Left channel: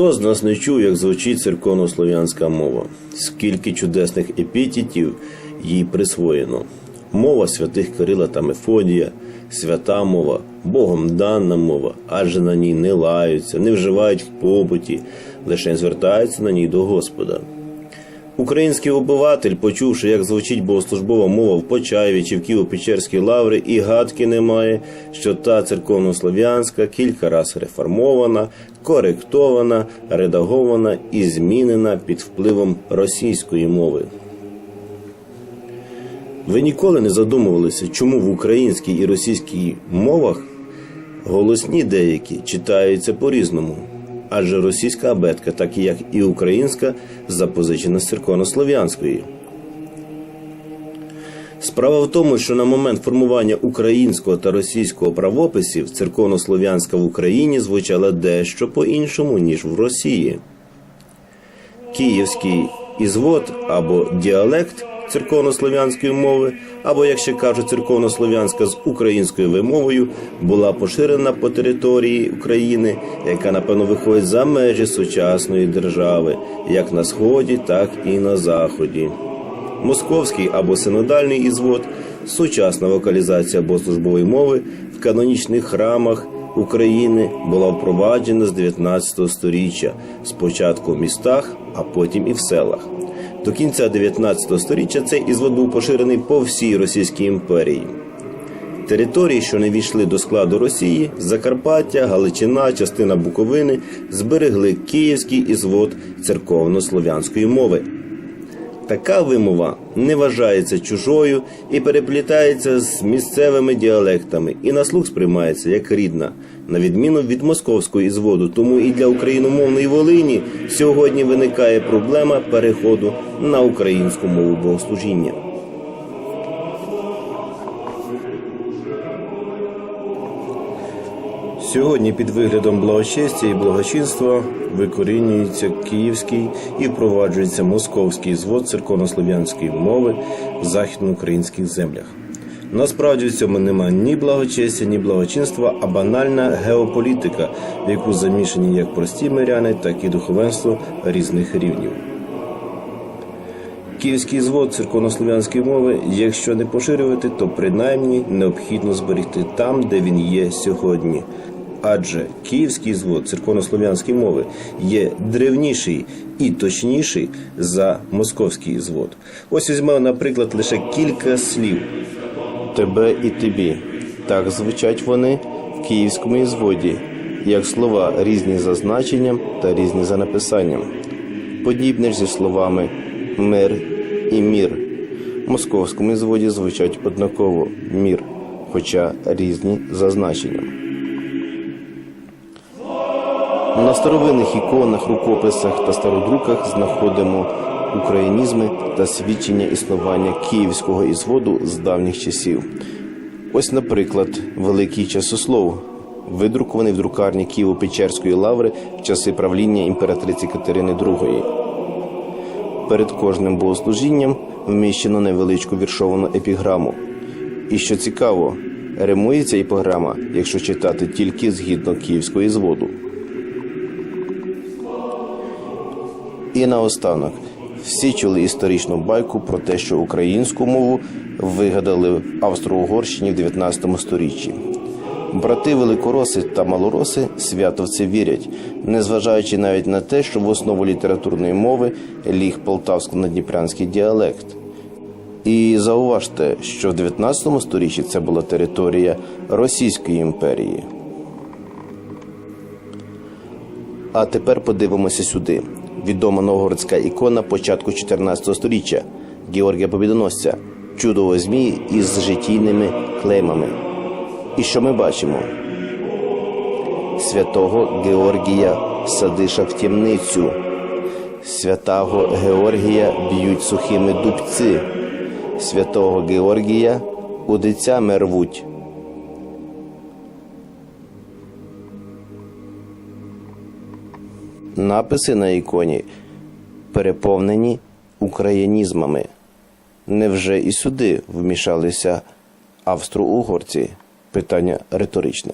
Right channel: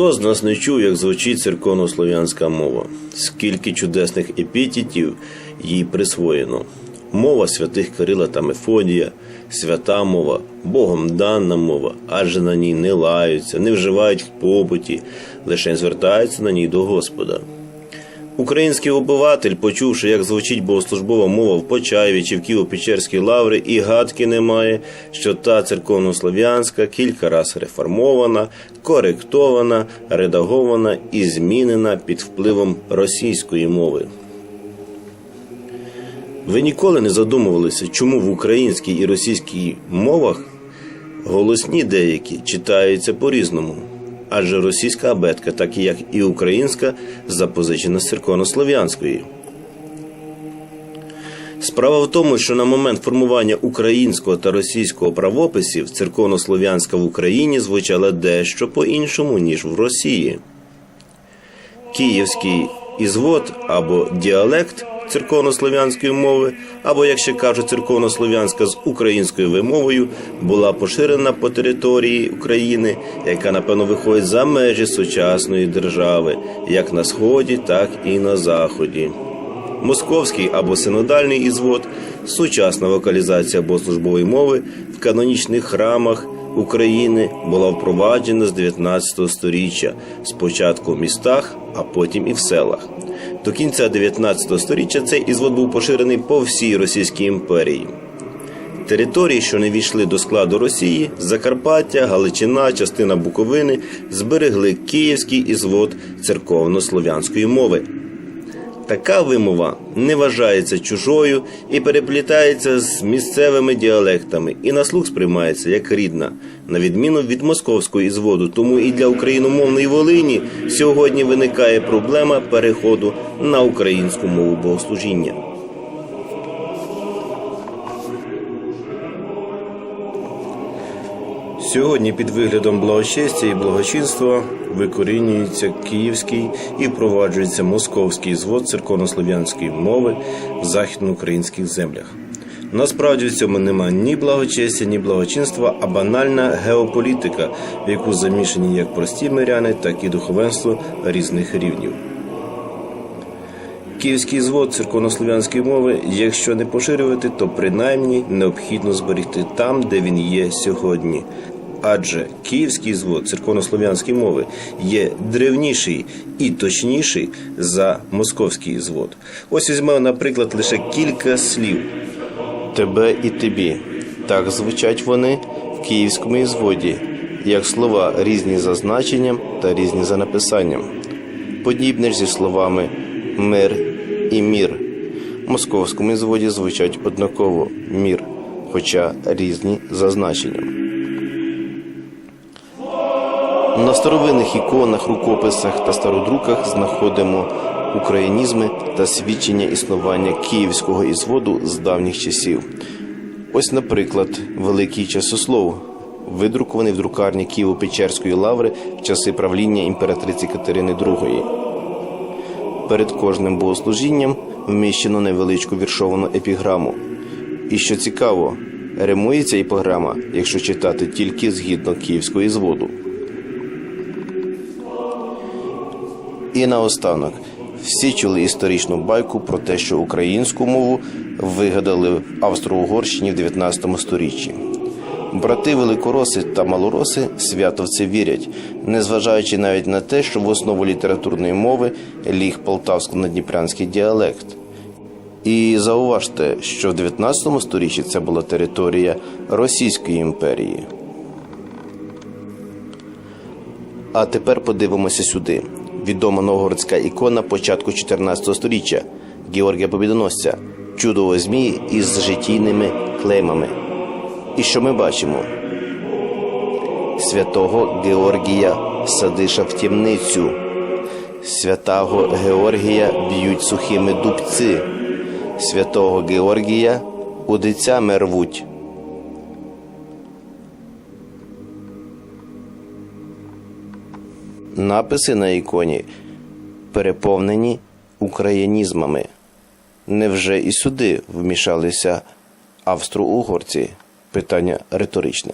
Хто з нас не чув, як звучить церковнослов'янська мова? Скільки чудесних епітетів їй присвоєно? Мова святих Кирила та Мефодія, свята мова, Богом дана мова, адже на ній не лаються, не вживають в побуті, лише звертаються на ній до Господа. Український обиватель, почувши, як звучить богослужбова мова в Почаєві чи в Києво-Печерській лаври, і гадки не має, що та церковнослов'янська кілька раз реформована, коректована, редагована і змінена під впливом російської мови. Ви ніколи не задумувалися, чому в українській і російській мовах голосні деякі читаються по-різному. Адже російська абетка, так і як і українська, запозичена з церковнослов'янської. Справа в тому, що на момент формування українського та російського правописів церковнослов'янська в Україні звучала дещо по-іншому, ніж в Росії. Київський ізвод або діалект церковнослов'янської мови, або, як ще кажуть, церковнослов'янська з українською вимовою, була поширена по території України, яка напевно виходить за межі сучасної держави, як на сході, так і на заході. Московський або синодальний ізвод, сучасна вокалізація богослужбової мови в канонічних храмах України була впроваджена з 19 століття, спочатку в містах, а потім і в селах. До кінця 19 століття цей ізвод був поширений по всій Російській імперії. Території, що не війшли до складу Росії, Закарпаття, Галичина, частина Буковини, зберегли київський ізвод церковно-слов'янської мови. Така вимова не вважається чужою і переплітається з місцевими діалектами, і на слух сприймається як рідна, на відміну від московського ізводу. Тому і для україномовної Волині сьогодні виникає проблема переходу на українську мову богослужіння. Сьогодні під виглядом благочестя і благочинства викорінюється київський і впроваджується московський звод церковнослов'янської мови в західноукраїнських землях. Насправді в цьому нема ні благочестя, ні благочинства, а банальна геополітика, в яку замішані як прості миряни, так і духовенство різних рівнів. Київський звод церковнослов'янської мови, якщо не поширювати, то принаймні необхідно зберегти там, де він є сьогодні. Адже київський звод церковнослов'янської мови є древніший і точніший за московський звод. Ось візьмемо, наприклад, лише кілька слів. Тебе і тобі. Так звучать вони в київському ізводі, як слова різні за значенням та різні за написанням. Подібне ж зі словами мир і мір. В московському зводі звучать однаково мір, хоча різні за значенням. На старовинних іконах, рукописах та стародруках знаходимо українізми та свідчення існування київського ізводу з давніх часів. Ось, наприклад, великий часослов, видрукований в друкарні Києво-Печерської лаври в часи правління імператриці Катерини II. Перед кожним богослужінням вміщено невеличку віршовану епіграму. І що цікаво, римується епіграма, якщо читати тільки згідно київського зводу. І наостанок, всі чули історичну байку про те, що українську мову вигадали в Австро-Угорщині в 19 сторіччі. Брати великороси та малороси свято в це вірять, незважаючи навіть на те, що в основу літературної мови ліг полтавсько-надніпрянський діалект. І зауважте, що в 19 сторіччі це була територія Російської імперії. А тепер подивимося сюди. Відома новгородська ікона початку 14 століття Георгія Побідоносця, чудовий змій із житійними клеймами. І що ми бачимо? Святого Георгія садиша в тімницю. Святого Георгія б'ють сухими дубці. Святого Георгія удицями рвуть. Написи на іконі переповнені українізмами. Невже і сюди вмішалися австро-угорці? Питання риторичне.